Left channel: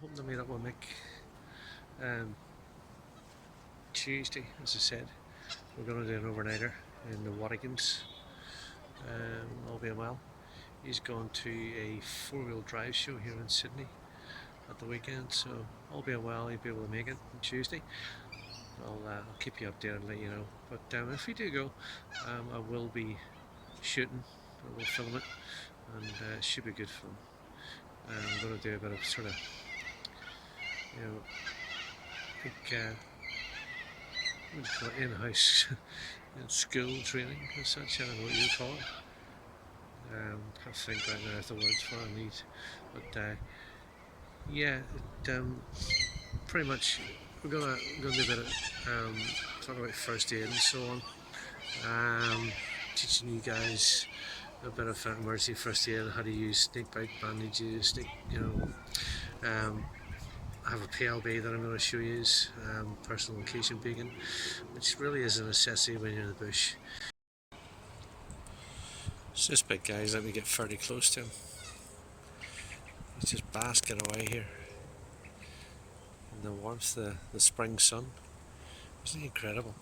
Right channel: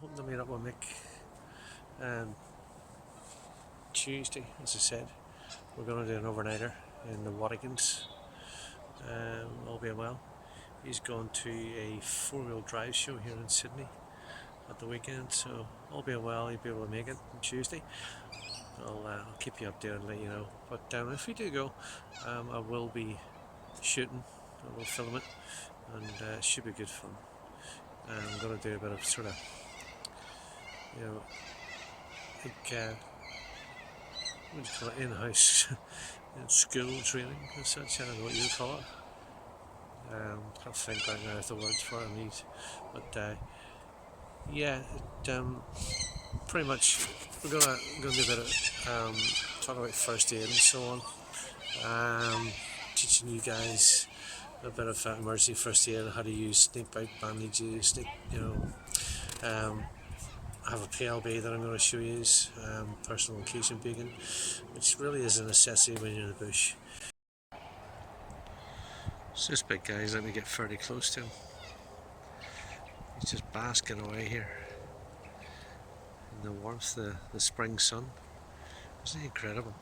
hoping to meet up with Mick Tuesday, as I said. We're going to do an overnighter in the Watkins, all being well. He's going to a four-wheel drive show here in Sydney at the weekend, so all being well, he'll be able to make it on Tuesday. I'll keep you updated and let you know. But if we do go, I will be shooting, I will film it, and it should be good fun. I'm going to do a bit of sort of, like, what do you call it, in-house school training and such. I don't know what you call it. Can't think right now of the words for it I need. But yeah, pretty much we're gonna do a bit of talk about first aid and so on. Teaching you guys a bit of emergency first aid, how to use snake bite bandages, I have a PLB that I'm going to show you, personal location beacon, which really is a necessity when you're in the bush. So this big guy's let me get fairly close to him. He's just basking away here in the warmth of the spring sun. Isn't he incredible?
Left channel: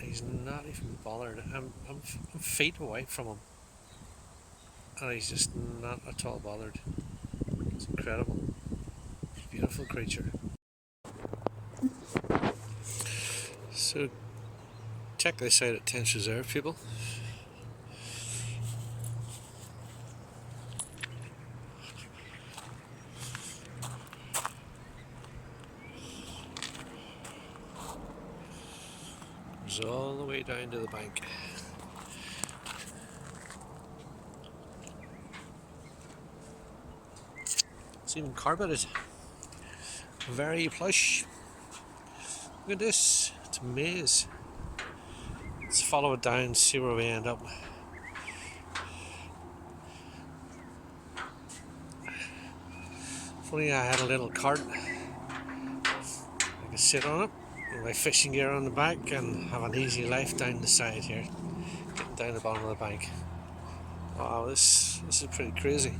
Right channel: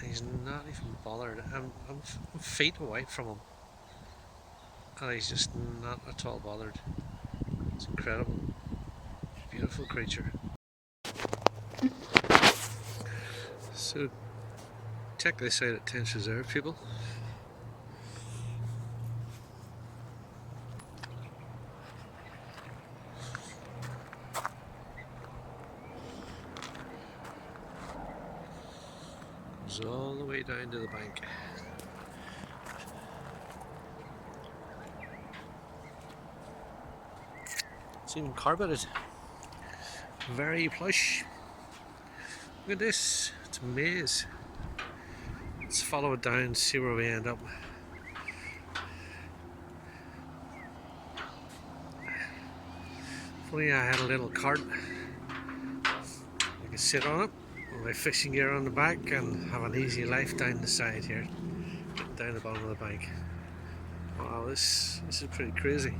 He's not even bothered. I'm feet away from him, and he's just not at all bothered. It's incredible. Beautiful creature. So check this out at Tench Reserve, people. Goes all the way down to the bank. It's even carpeted. Very plush. Look at this. It's a maze. Let's follow it down, see where we end up. If only I had a little cart, I could sit on it with my fishing gear on the back and have an easy life down the side here, down the bottom of the bank. Wow, this is pretty crazy.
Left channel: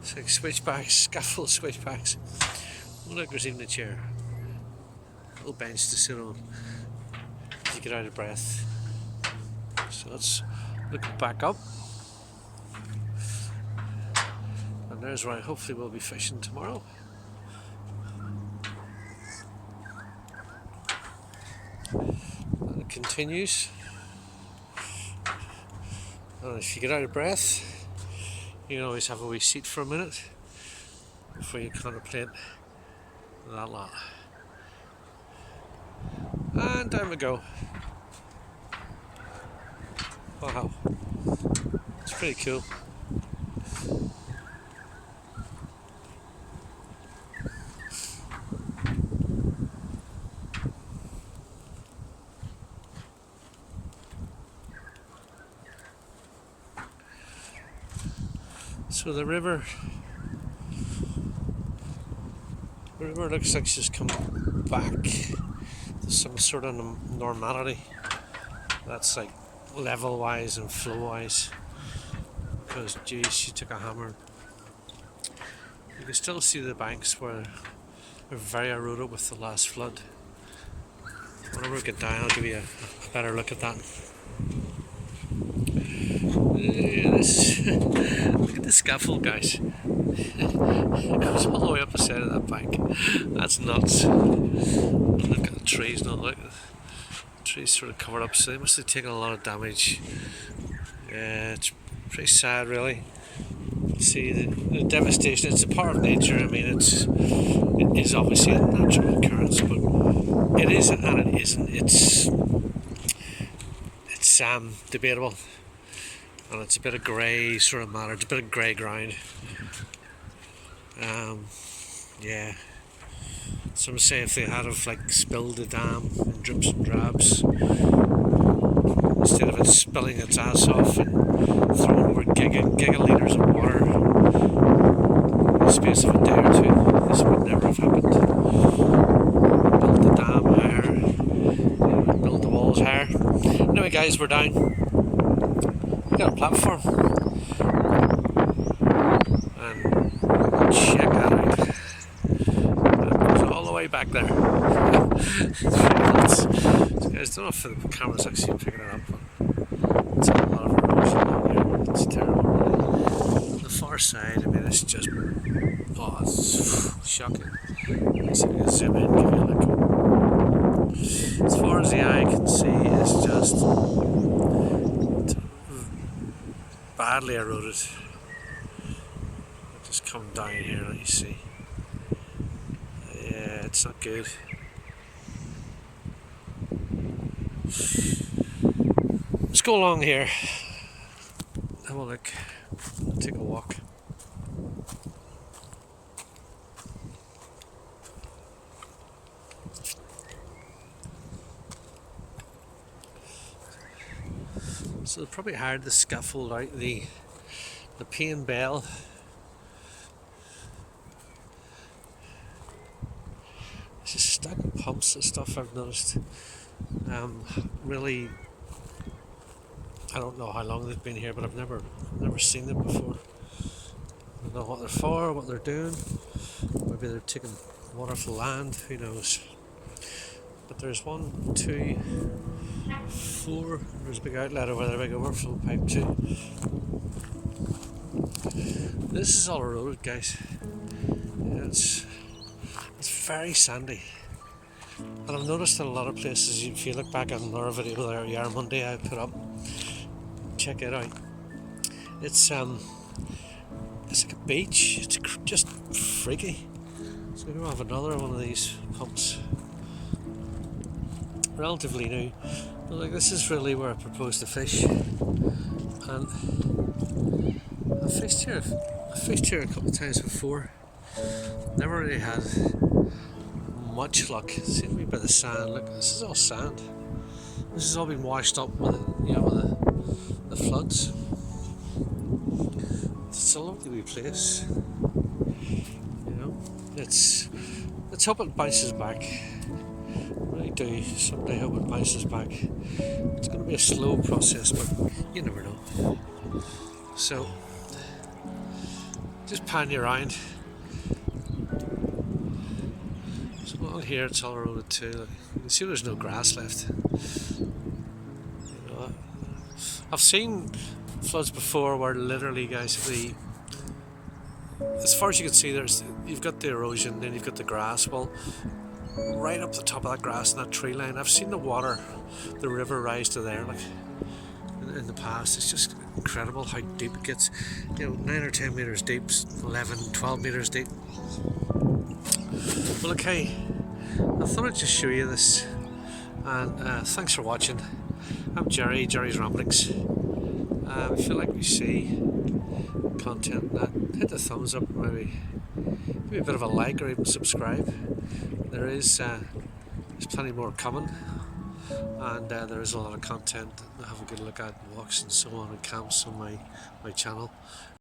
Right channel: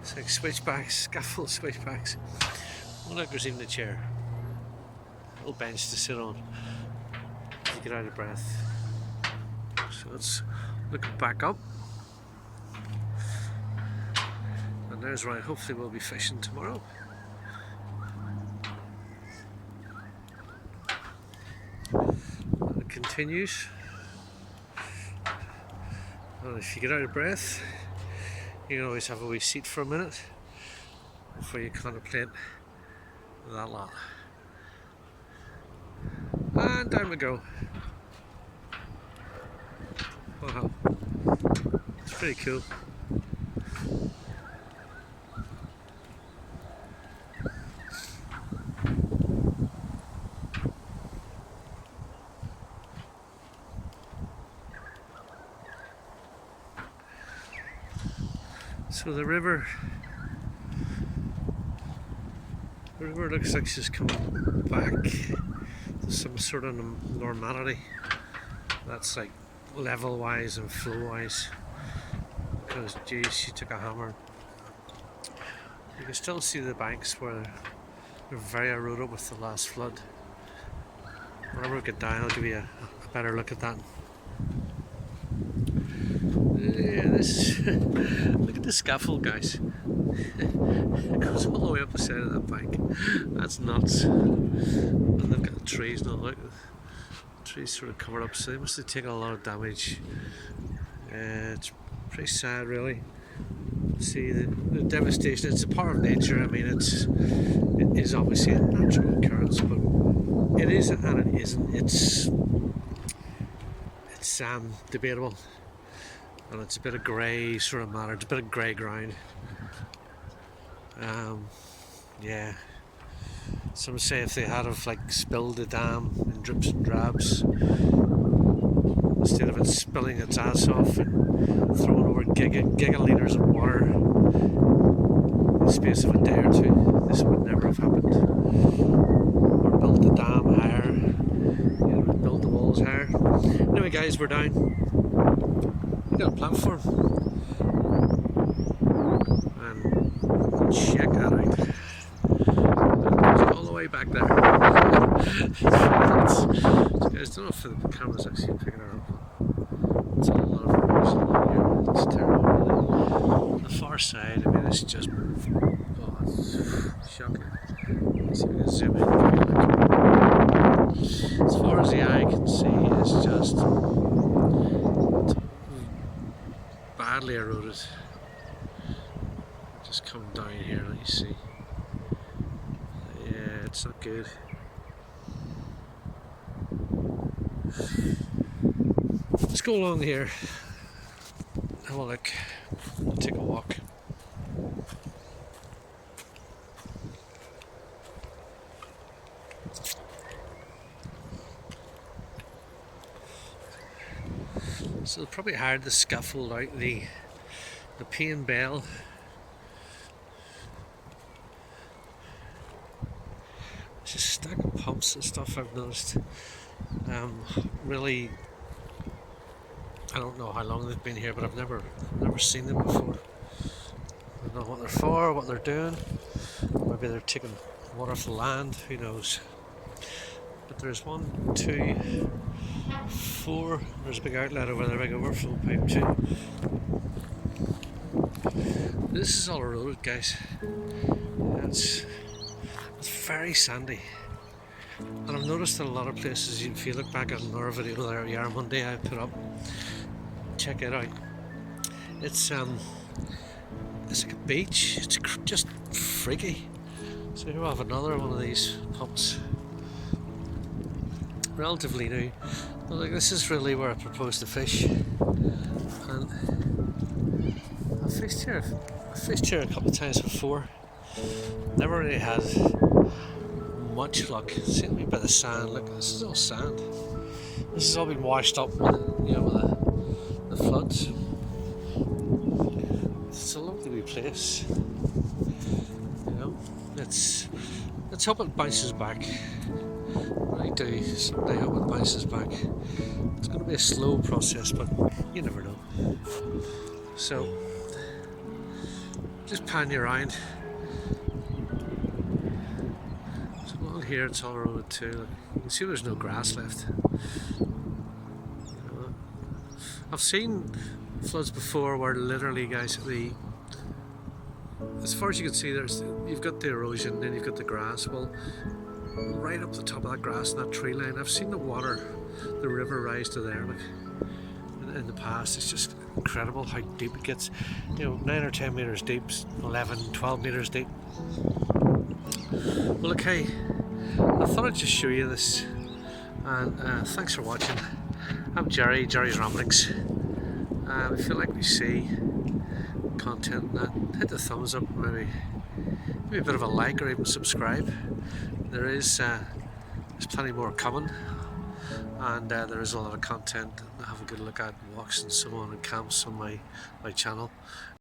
It's like switchbacks, scaffold switchbacks. Oh look, there's even a chair. A little bench to sit on to get out of breath. So let's look back up. And there's where hopefully we'll be fishing tomorrow. And it continues. And if you get out of breath, you can always have a wee seat for a minute before you contemplate that lot. And down we go. Wow, it's pretty cool. So the river looks like she's come back to some sort of normality. That's like level wise and flow wise, because geez, she took a hammer. You can still see the banks where they're very eroded with the last flood. Whenever we get down, I'll give you a better look at that. Look at the scaffold, guys. It goes all the way up the side of that bank. That's nuts. And look at the trees now. Look, the trees sort of covered up, so they must have taken a lot of damage. It's pretty sad, really. See the devastation. It's a part of nature. I mean, it is obviously a natural occurrence, but it is and it isn't. It's debatable. And it's a bit of grey sort of matter, it's a bit of grey ground. Yeah. Some say if they had have like spilled the dam in drips and drabs, instead of it spilling its ass off and throwing over gigalitres of water in the space of a day or two, this would never have happened. Built the dam higher, built the walls higher. Anyway guys, we're down. We got a platform. Check that out. It goes all the way back there. So guys, don't know if the camera's actually picking it up, but it's a lot of erosion down here. It's terrible. On the far side, I mean, it's just, oh, it's shocking. Let's see if we can zoom in. As far as the eye can see, it's just badly eroded. Just come down here, let you see. Yeah, it's not good. Let's go along here, have a look, take a walk. So they probably hired the scaffold out the pane bell. There's a stack of pumps and stuff I've noticed. Really, I don't know how long they've been here, but I've never seen them before. I don't know what they're for, what they're doing. Maybe they're taking water off the land, who knows. But there's 1, 2, 4, there's a big outlet over there, big overflow pipe too. This is all eroded, guys. It's very sandy. And I've noticed in a lot of places, if you look back on another video there, Yara Monday I put up, check it out. It's like a beach, it's just freaky. So here we have another one of these pumps. Relatively new. But like, this is really where I propose to fish. And I've fished here a couple of times before. Never really had much luck. See me by the sand. Look, this is all sand. This has all been washed up with, with the floods. It's a lovely wee place. Let's hope it bounces back. I really do. Someday hope it bounces back. It's going to be a slow process, but you never know. So just pan you around. So along here it's all eroded too. Look, you can see there's no grass left. I've seen floods before where literally, guys, as far as you can see, you've got the erosion, then you've got the grass. Well, right up the top of that grass and that tree line, I've seen the water, the river rise to there, like in the past. It's just incredible how deep it gets. 9 or 10 meters deep, 11, 12 meters deep. Well, okay, I thought I'd just show you this, and thanks for watching. I'm Jerry's Ramblings. If you like we see content and that, hit the thumbs up, maybe give me a bit of a like or even subscribe. There's plenty more coming, and there is a lot of content to have a good look at, walks and so on, and camps on my channel.